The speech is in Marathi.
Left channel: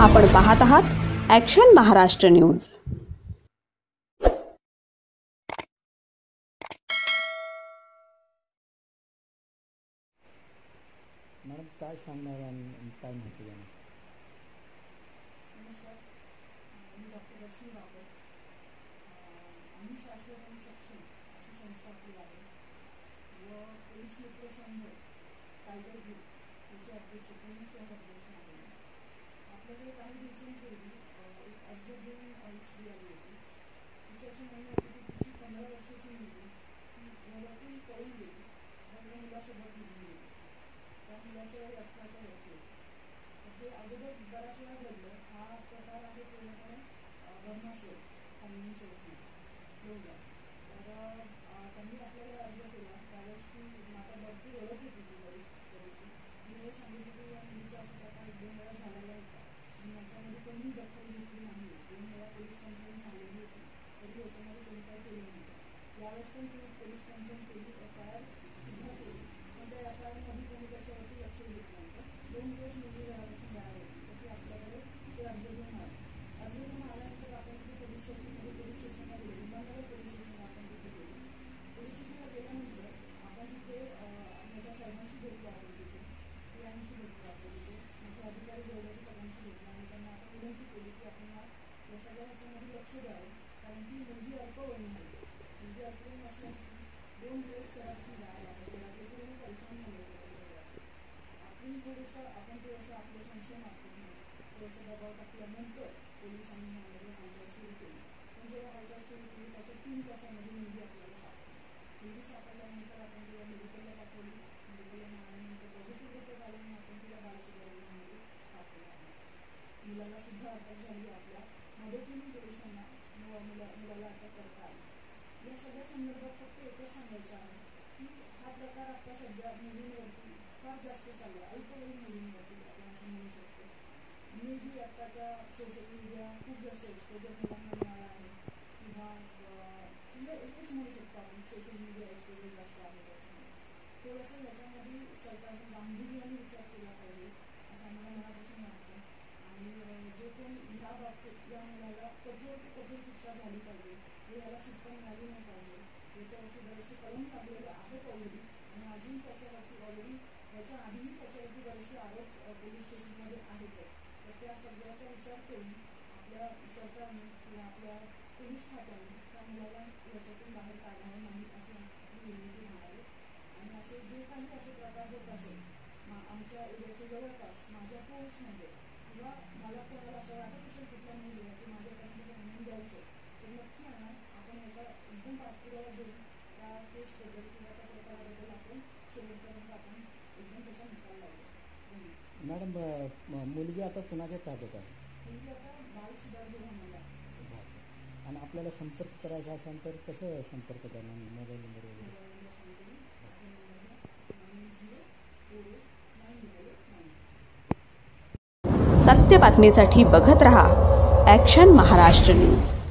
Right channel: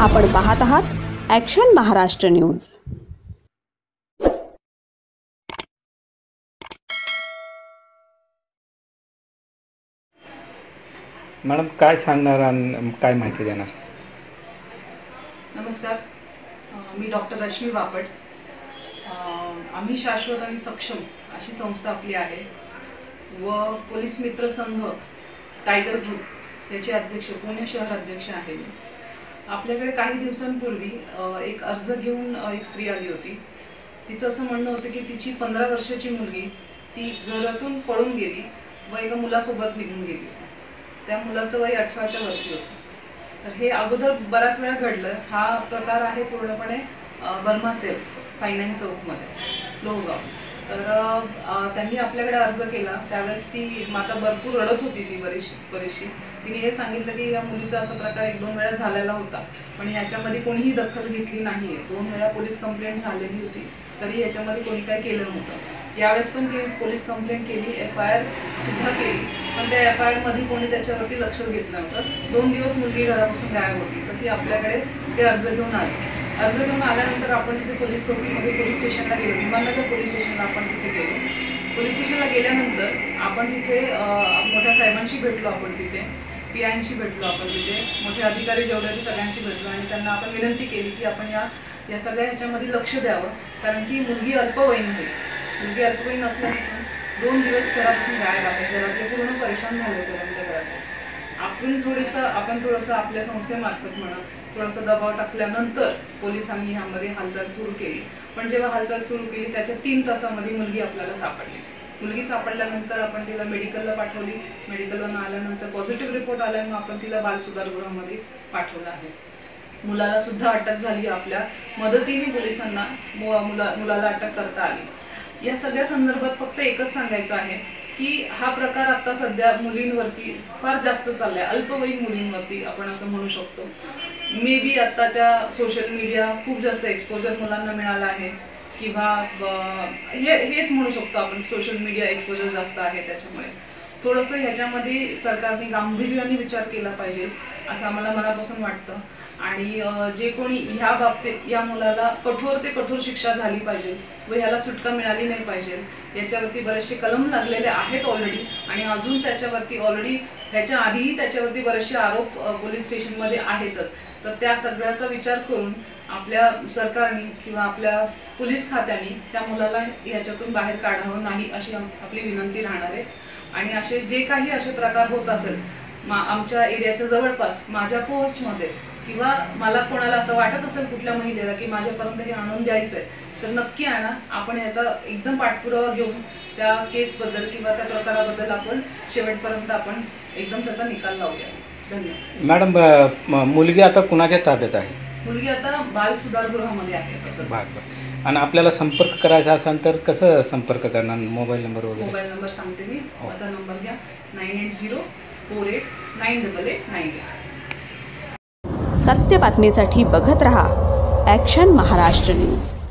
आपण पाहत आहात ॲक्शन महाराष्ट्र न्यूज। मॅडम काय सांगणार आणि काय माहिती देणार? नमस्कार, मी डॉक्टर रश्मी बापट। आम्ही शाश्वत आणि सक्षम अशी संस्था आपली आहे व पोलीस मित्र संघ टायगर ग्रुप याचे अध्यक्ष, पुणे शहर अध्यक्ष आहे मी। आपल्याकडे काही दिवसांपूर्वी एक अर्ज घेऊन एक स्त्री आली होती। तिचं असं म्हणणं होतं की तिची 15 वर्षाची मुलगी ती घरातून पळून गेली व एका मुलासोबत निघून गेली। त्या मुलाचं वय 18च्या वरती होतं। तर हे अगोदर बराच वेळा घडलं। हा प्रकार आहे पूर्णपणे बर्मा सेल फायनान्स चौकमध्ये लोहगाव। तर त्यांनी आपल्याकडे अर्ज केला। त्यावेळेस ती माता भरपूर रडत होती, ती बरीचशी। तिने हे सांगितलं की या मुलीचा असा प्रकार 1-2 वेळा झालेला होता, पण याच्यामध्ये कोणीही दखल घेतली नाहीये। 2 वेळा पोलीस कंप्लेंट झालेली होती, तरी याच्यामध्ये कोणी काय केलं नव्हतं। यावेळेस पण ती पोलीस कंप्लेंट केली, FIR सुद्धा केली, पण त्या FIR मध्ये कोणी त्याच्यावरती लक्ष घेतलं नव्हतं। 2 दिवस मुलगी घरापासून गायब होती। तर ती आपल्याकडे ते अर्ज घेऊन आली। अर्ज घेऊन आल्यानंतर आपण तिथे पोलीस चौकीमध्ये पोलीस स्टेशनला गेलो, विमाननगर पोलीस स्टेशनला आपण तिथे गेलो। पोलीस स्टेशनला गेल्यानंतर आपण तिथे मोठ्या साहेबांशी भेटलो, आपण तिथे PIंशी भेटलो, आपण तिथे मोठे अधिकारी जेवढे ते सगळ्यांशी भेटलो आणि त्यांना आपण विनंती केली की आपण या सगळ्या ह्याच्यामध्ये लक्ष द्यावं, कारण की मुलगी अल्पवयीन आहे। मुलगी अल्पवयीन असल्यापासून 2 दिवस घरापासून गायब आहे। घरातले पूर्ण परेशान झाले होते त्यांच्या घरात। आपण थोडंसं आपल्या संस्थेमार्फत म्हणा थोडासा दबाव टाकल्यानंतर पोलिसांनी ह्यामध्ये हालचाल सुरू केली। पण जेव्हा हालचाल सुरू केली त्याच्या 3 तासामध्ये मुलगी आपल्याला सापडली। मुलगी सापडल्यानंतर आपण तिला मेडिकलला पाठवली। मेडिकलवरून आल्यानंतर पॉझिटिव्ह रिपोर्ट आल्यामुळे आपण तिला बाल सुधारगृहामध्ये पाठवलं आहे। मुलाला सुद्धा अटक झाली। आपल्या मदतीने पोलिसांना मुलाला अटक करता आली। या सगळ्या संदर्भात फक्त एकच सांगायचं आहे की हा प्रकार आता सध्या मुलींवरती फार जास्त चाललाय, अल्पवयीन मुलींवरती आपण असं म्हणू शकतो। मे बी आताच्या सोशल मीडिया खूप जास्त एक्सपोजर मुलांना मिळाला आहे, किंवा हेच म्हणू शकतो आपण, सोशल मीडिया एक्सपोजर जास्त आहे। त्याच्यामुळे थोडंसं ह्याच्यामध्ये सरकारने गांभीर्याने विचार केला पाहिजे असं आम्हाला मनापासून वाटतं। आणि जे कोणी ह्या बाबतीत या मुलाला कठोर ते कठोर शिक्षा झाली पाहिजे व ह्याला सुटका मिळाली नाही पाहिजे। याच्यावरती बरेचसे कलम लागलेले आहेत ऑलरेडी, आणि अजून त्याच्यावरती ऑलरेडी ह्याच्या आधीही त्याच्यावरती बरेचसे आरोप पोलीस स्टेशनमध्ये आहेतच। तर त्या सगळ्याचा विचार करून आपल्या सरकारने किंवा आपल्या पोलीस खात्याने त्या मुलाला ह्याच्यातून बाहेर काढावं नाही अशी आपली विनंती राहणार आहे। आणि असे प्रकार होत असेल आमच्या एरियाच्या जवळपास, माझ्या पोस्टमध्ये, किंवा मला कोणाला असं वाटत असेल कुठल्या महिलेला की माझ्यापर्यंत हे आणून द्यायचंय, तर नक्की आणा। आपण याचा एकदम पाठपुरावा घेऊन त्या केसबद्दल किंवा त्या प्रकाराबद्दल आपण शेवटपर्यंत आपण एकदम त्याचा निकाल लावूया। धन्यवाद। मॅडम, मुलगी आता कुणाच्या ताब्यात आहे? मुलगी आता बाल सुधारगृहामध्ये आहे। बरं। आणि आपल्याला संपर्क करायचा असेल तर कसं संपर्क करणार? मोबाईल नंबर वगैरे? मोबाईल नंबर सांगते मी, माझा नंबर घ्या, 9804898898। सत्य बातमीसाठी बघत रहा ॲक्शन महाराष्ट्र न्यूज।